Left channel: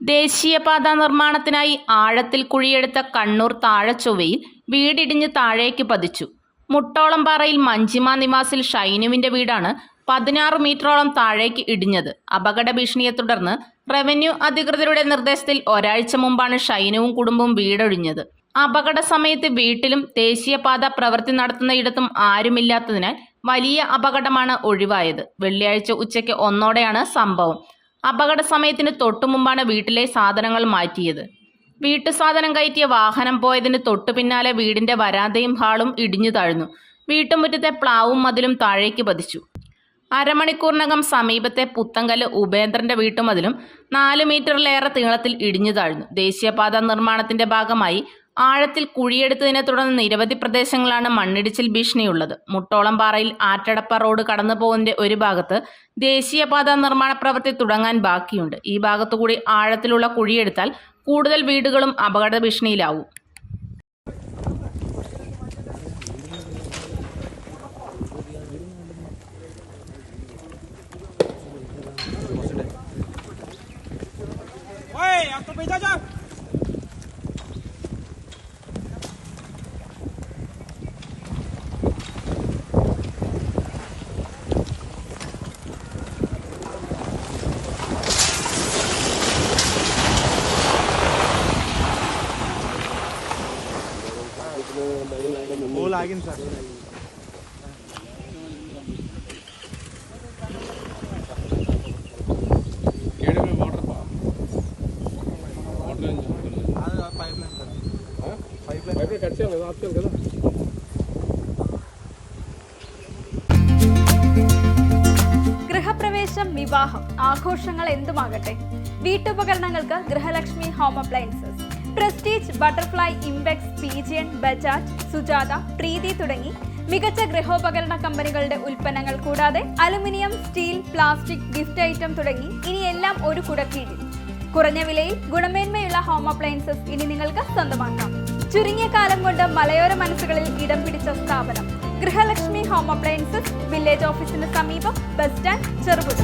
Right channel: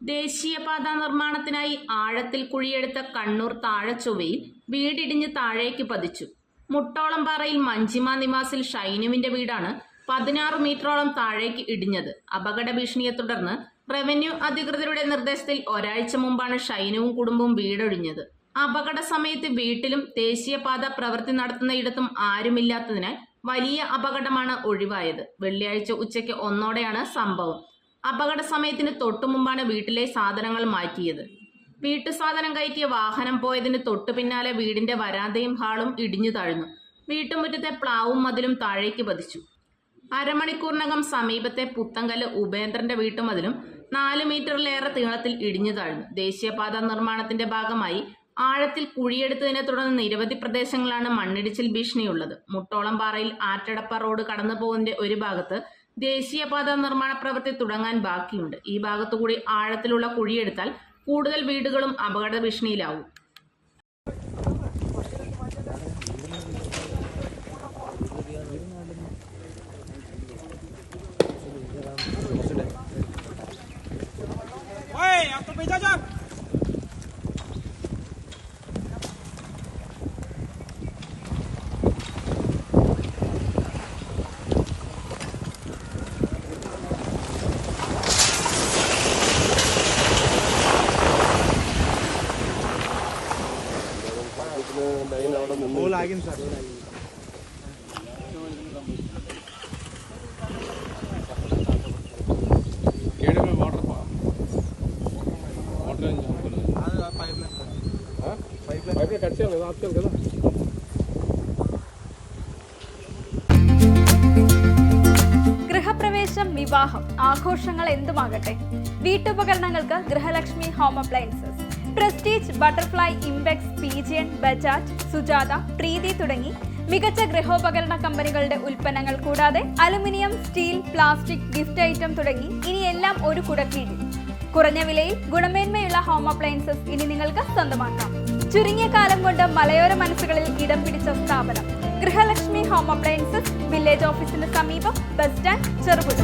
ദേശീയപാത നിർമ്മാണത്തിനായി ആഴത്തിൽ കുഴിയെടുത്ത കണ്ണൂർ താഴച്ചൊവ്വയിൽ വീടിടിഞ്ഞ് താഴേക്ക് പതിച്ചു. മുട്ടോളംപാറയിൽ മഞ്ചിമ നിവാസിൽ ഷൈനുവിന്റെ വീടാണ് 16 മീറ്ററോളം താഴേക്ക് ഇടിഞ്ഞത്. അപകട ഭീഷണിയെ തുടർന്ന് റവന്യൂ അധികൃതരുടെ നിർദ്ദേശത്തിൽ ഒരാഴ്ച മുമ്പാണ് ഷൈനുവും കുടുംബവും വീടൊഴിഞ്ഞത്. അപകട സമയത്ത് വീട്ടിലും ദേശീയപാത പ്രവൃത്തി നടത്തുന്നയിടത്തും ആരുമില്ലാത്തതിനാൽ വലിയ അപകടമാണ് ഒഴിവായത്. വെള്ളിയാഴ്ച ഉച്ചയ്ക്ക് 1:00-ഓടെയാണ് സംഭവം. അപകട സമയത്തിന് തൊട്ടുമുമ്പാണ് വീട്ടിലെ സാധനങ്ങൾ മാറ്റിയത്. വീട്ടു സാധനം കയറ്റിയ വാഹനം പോയതിന് തൊട്ടു പിന്നാലെ വീടിന്റെ വരാന്തയും ഹാളും ഇടിഞ്ഞു താഴ്ന്നു. വീട്ടുമുറ്റത്തെ പ്ലാവും മതിലും താഴേക്ക് പതിച്ചു. അരമണിക്കൂറിനകം സമീപത്തെ പുത്തങ്കല് ഉപേന്ദ്രന്റെ വീട്ടുമതിലും 4 മീറ്ററിലേറെ നീളത്തിൽ ഇടിഞ്ഞു താഴ്ന്നു. ദേശീയപാത നിർമ്മാണത്തിന്റെ ഭാഗമായി ആഴത്തിൽ കുഴിയെടുത്തതിനെ തുടർന്ന് നിരവധി പ്രദേശങ്ങളാണ് മണ്ണിടിച്ചിൽ ഭീഷണിയുള്ളത്. മുട്ടോളംപാറയിൽ ആറ്റടപ്പ റോഡ് കടന്നു പോകുന്നതിന്റെ ഒരു ഭാഗത്ത് ദേശീയപാത നിർമ്മാണ പ്രവൃത്തി തുടങ്ങാൻ ബാക്കിയുണ്ട്. ഈ ഭാഗത്തുകൂടി ആഴത്തിലുള്ള കുഴിയെടുത്താൽ കൂടുതൽ വീടുകളും അപകട ഭീഷണിയിലാവും. ఆగింది సార్. ഗൃഹപ്രവേശം, വിവാഹം, ആഘോഷങ്ങൾ എന്തുമാകട്ടെ, വീട്ടുപകരണങ്ങൾക്ക് Grihalakshmi home appliances. Prestige, Butterfly, Impex, Pigeon, Bajaj, Sujatha, Preethi തുടങ്ങി മികച്ച ഗൃഹോപകരണ കമ്പനികളുടെ ഉൽപ്പന്നങ്ങൾ കൂടാതെ aluminium, steel, plastic, gift item തുടങ്ങി ഇനി എല്ലാം ഒരു കുടക്കീഴിൽ. കുറഞ്ഞ വിലയിൽ ഗുണമേന്മയുള്ള ഹോം അപ്ലയൻസസ് ഇനി നിങ്ങൾക്ക് സ്വന്തമാക്കാം. ചുരുങ്ങിയ കാലം കൊണ്ട് മലയോര മനസ്സുകളിൽ ഇടം പിടിച്ച സ്ഥാപനം ഗൃഹലക്ഷ്മി ഹോം അപ്ലയൻസസ്. വില്ലേജ് ഓഫീസിന് സമീപം, ബസ് സ്റ്റാൻഡ്, ചെറുപുഴ.